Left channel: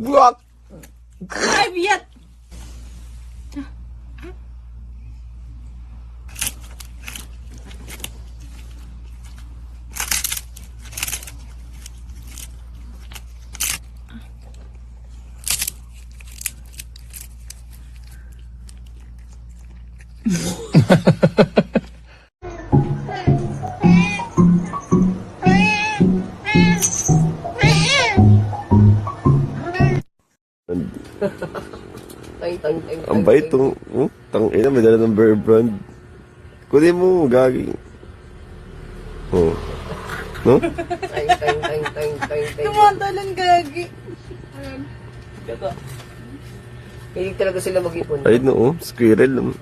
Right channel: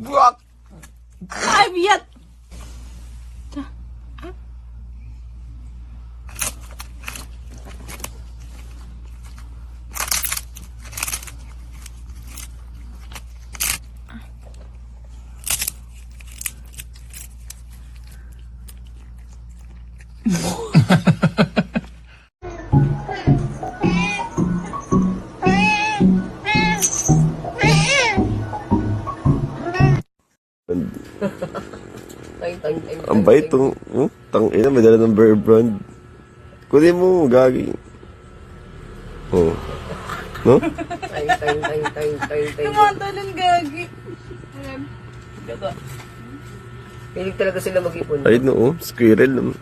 Ay, biyat! Ang bait to. Tangina, may dala ng Bear Brand. Kunin mo, gagi. Oh. No? Tumatalong gagi. Diba? Pilig talaga sila mag-ipon. Ayun no, squirrel.